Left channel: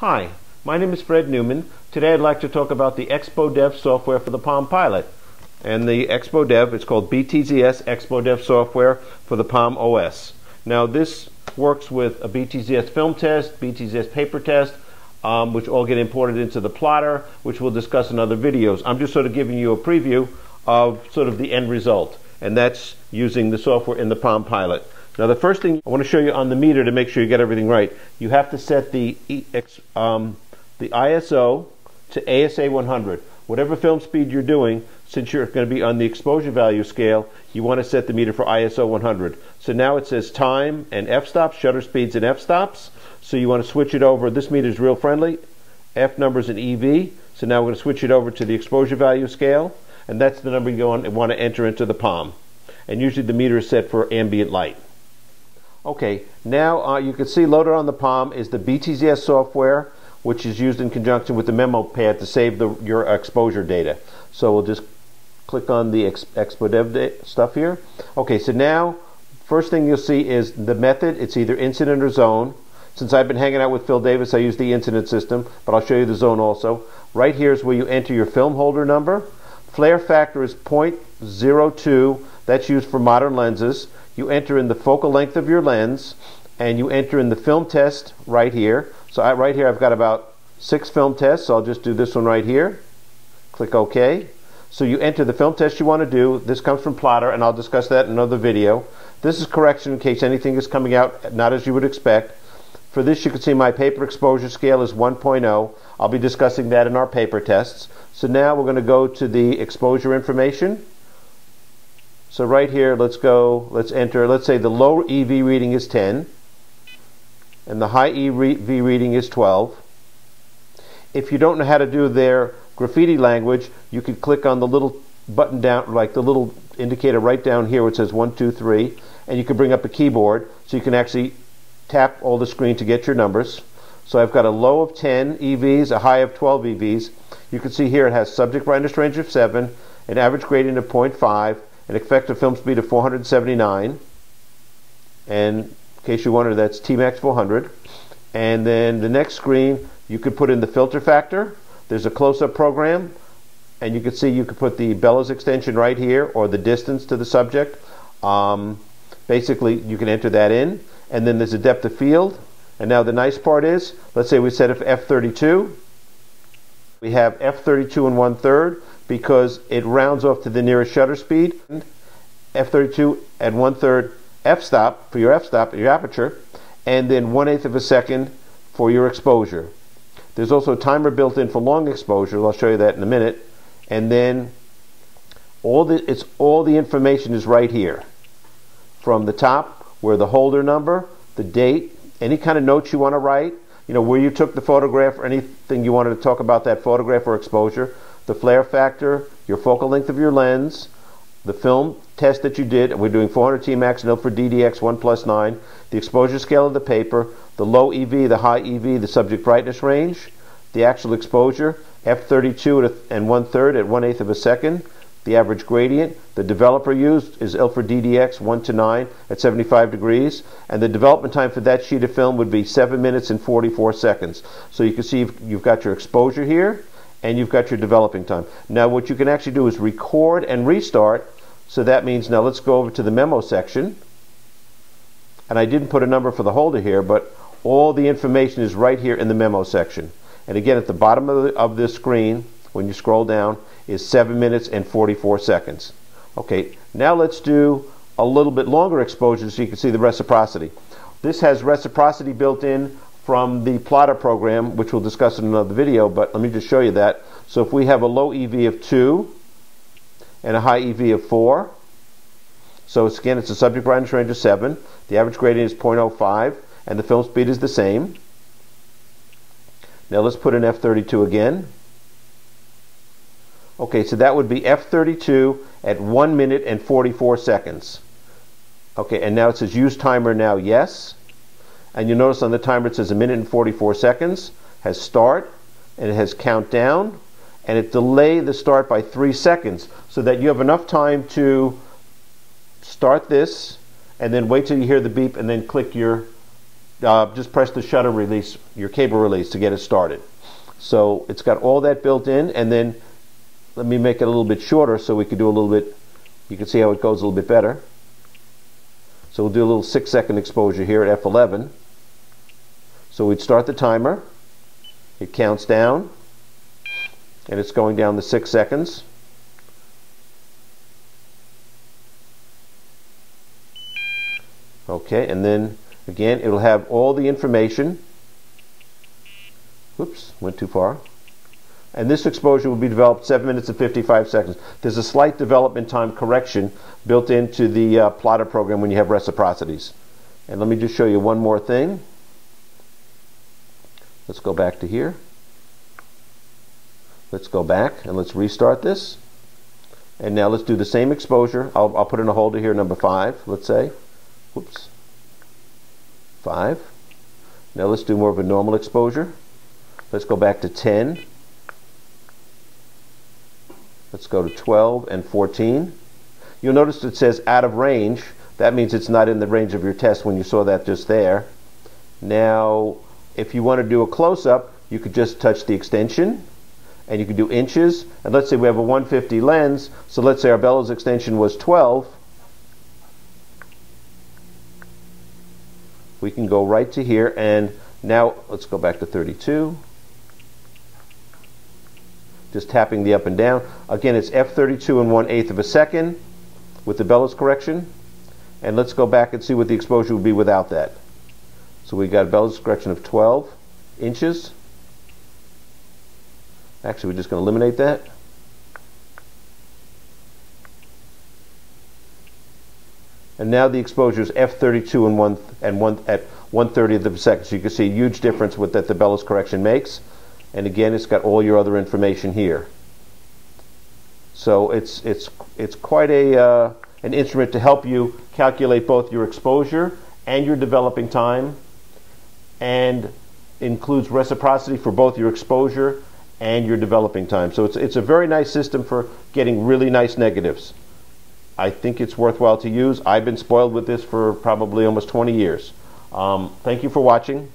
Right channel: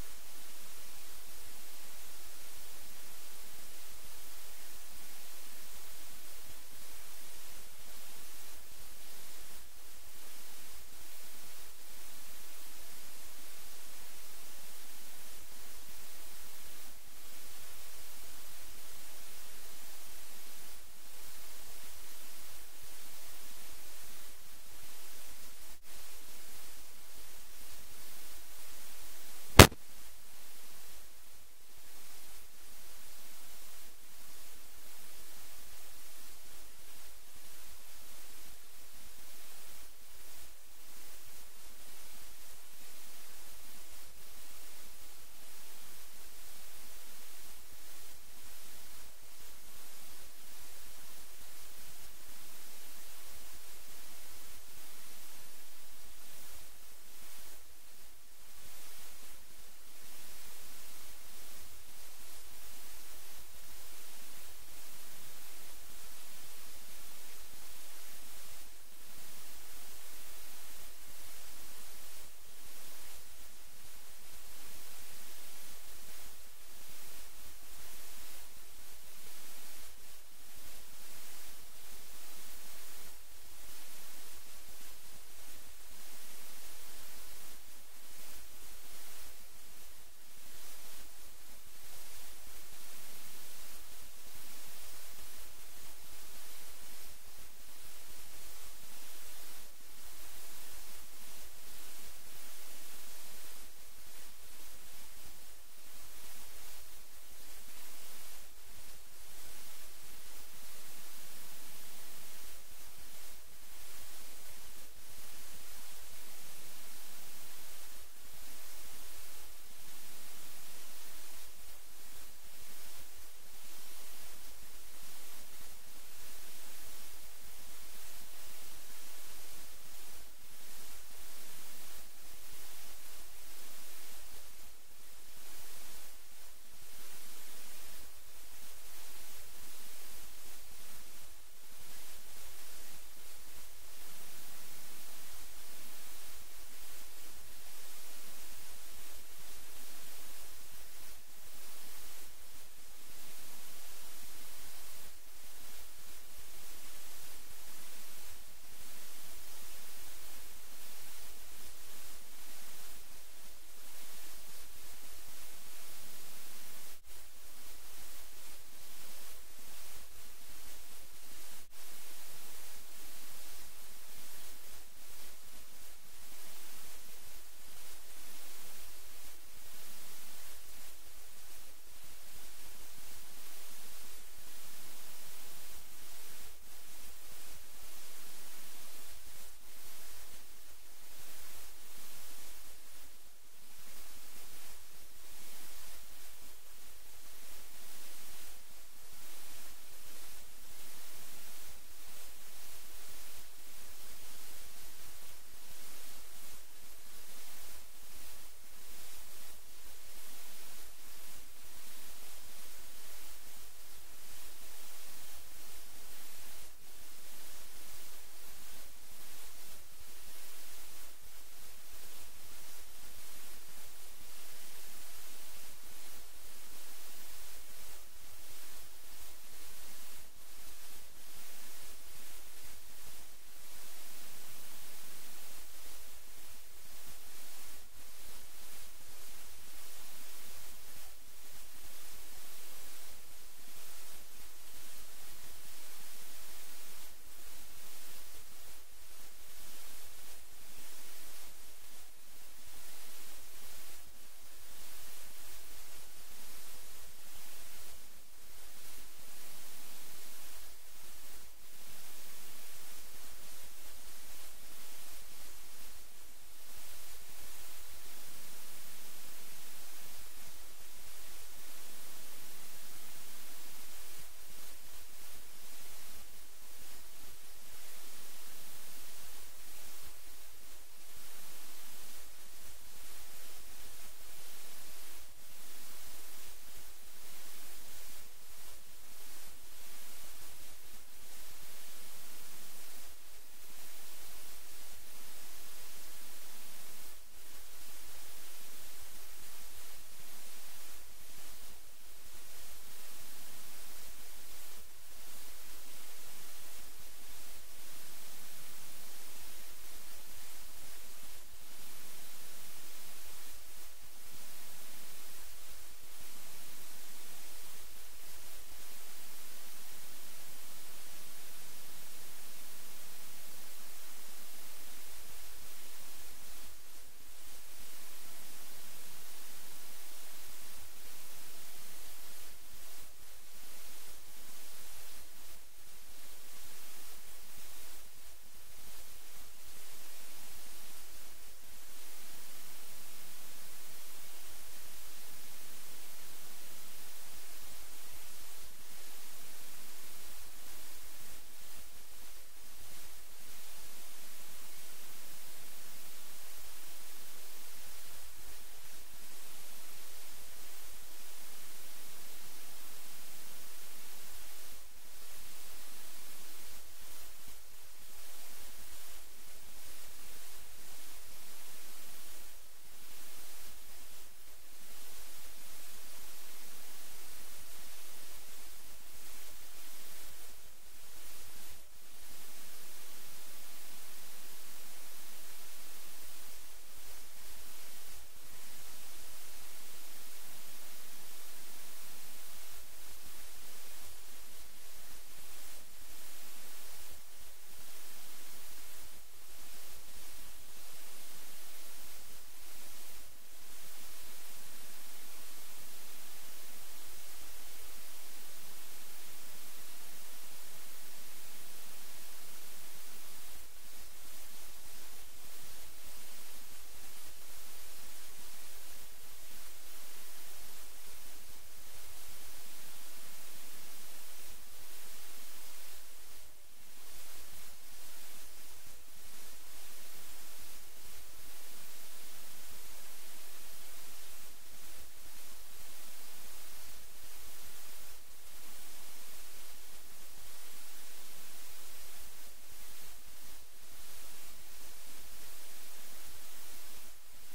Hi, my name is Fred Newman. Today I'd like to talk about the Expo-Dev software for the Palm Pilot. And the Expo-Dev, it's called BTZS Expo-Dev software for the Palm OS. Now this works with a BTZS film test, BTZS paper test, which all get imported into the plotter, which we'll discuss in other videos. I'm just sort of giving you a preview of sort of the end result, and that's using the software in the Palm Pilot. Now the first thing I want to show you on the meter to make sure you get everything right, you have to set the ISO to ASA 100. Whatever film speed you're doing, since you're going to be on the exposure value scale, you want to set the meter for ISO 100. So now it says time and f-stops, shutter speeds and f-stops. So you want to switch it over. This meter is real friendly, f numbers and EV. So now we're going to switch it over to the exposure value scale, and that's the number you want to enter into the Palm. And usually the meter is set for ambient light. Okay, now you can see loaded on the Palm is the BTZS software, which is used in conjunction with the memo pad to save your exposure data. So we'll just click on the Expo-Dev stuff here. Okay, so now first thing you'll see is the method. It's either incident or zone. Since I've been hanging out with Phil Davis, I use the incident system, but I'll show you the zone also. Right here is where you enter your film holder number. Flare factor is 0.02. That's used for modern lenses. You enter in the focal length of your lens, and you enter in the film test right here. So right here I've got about 6 film tests, so I'll just do this one right here. Click OK. So you enter the film test you want to do. This comes from Plotter, and I'll discuss that in another video. This is correction in case anything is coming out not as you would expect. For this, you can see my paper exposure scale is 1.0. I'll be discussing that in our paper tests. So now we're going to go to the exposure information. So right here, let's enter, let's say the low EV reading is 10 and the high EV reading is 12. If you don't know how to do their graffiti language, you could click on the little button down, like the little indicator right down here which says 1, 2, 3, and you can bring up a keyboard so you can actually tap all the screen to get your numbers. So I've got a low of 10 EVs, a high of 12 EVs. You can see here it has subject brightness range of 7, an average gradient of 0.5, an effective film speed of 479, and in case you wonder, that's T-Max 400. And then the next screen, you could put in the filter factor. There's a close-up program, and you can see you could put the bellows extension right here, or the distance to the subject. Basically, you can enter that in, and then there's a depth of field. And now the nice part is, let's say we set it for f32. We have f32 and 1/3 because it rounds off to the nearest shutter speed. f32 at 1/3 f-stop for your f-stop, your aperture, and then 1/8 of a second for your exposure. There's also a timer built in for long exposure. I'll show you that in a minute. And then all the information is right here. From the top, where the holder number, the date, any kind of notes you want to write, you know, where you took the photograph or anything you wanted to talk about that photograph or exposure, the flare factor, your focal length of your lens, the film test that you did, and we're doing 400 T-Max, no for DDX 1+9, the exposure scale of the paper, the low EV, the high EV, the subject brightness range, the actual exposure, f32 and 1/3 at 1/8 of a second, the average gradient. The developer used is Ilford DDX 1:9 at 75 degrees, and the development time for that sheet of film would be 7 minutes and 44 seconds. So you can see you've got your exposure here, and you've got your developing time. Now what you can actually do is record and restart. So that means, now let's go over to the memo section. And I didn't put a number for the holder here, but all the information is right here in the memo section. And again, at the bottom of this screen, when you scroll down, is 7 minutes and 44 seconds. Okay, now let's do a little bit longer exposure so you can see the reciprocity. This has reciprocity built in from the plotter program, which we'll discuss in another video, but let me just show you that. So if we have a low EV of 2 and a high EV of 4, so again, it's a subject brightness range of 7, the average gradient is 0.05, and the film speed is the same. Now let's put in f32 again. Okay, so that would be f32 at 1 minute and 44 seconds. Okay, and now it says use timer now, yes. And you notice on the timer it says 1 minute and 44 seconds, has start, and it has countdown, and it delayed the start by 3 seconds so that you have enough time to start this and then wait till you hear the beep and then click your just press the shutter release, your cable release, to get it started. So it's got all that built in, and then let me make it a little bit shorter so we could do a little bit, you can see how it goes a little bit better. So we'll do a little 6-second exposure here at F11. So we'd start the timer, it counts down, and it's going down to 6 seconds. Okay, and then again it'll have all the information. Whoops, went too far. And this exposure will be developed 7 minutes and 55 seconds. There's a slight development time correction built into the plotter program when you have reciprocities. And let me just show you one more thing. Let's go back to here. Let's go back and let's restart this. And now let's do the same exposure. I'll put in a holder here, number 5, let's say. Whoops. 5. Now let's do more of a normal exposure. Let's go back to 10. Let's go to 12 and 14. You'll notice it says out of range. That means it's not in the range of your test when you saw that just there. Now, if you want to do a close-up, you could just touch the extension, and you could do inches. And let's say we have a 150 lens, so let's say our bellows extension was 12. We can go right to here, and now let's go back to 32. Just tapping the up and down. Again, it's F32 and 1/8 of a second with the bellows correction. And let's go back and see what the exposure would be without that. So we got a bellows correction of 12 inches. Actually, we're just going to eliminate that. And now the exposure is F32 and 1/30 of a second. So you can see a huge difference with that the bellows correction makes. And again, it's got all your other information here. So it's quite an instrument to help you calculate both your exposure and your developing time, and includes reciprocity for both your exposure and your developing time. So it's a very nice system for getting really nice negatives. I think it's worthwhile to use. I've been spoiled with this for probably almost 20 years. Thank you for watching.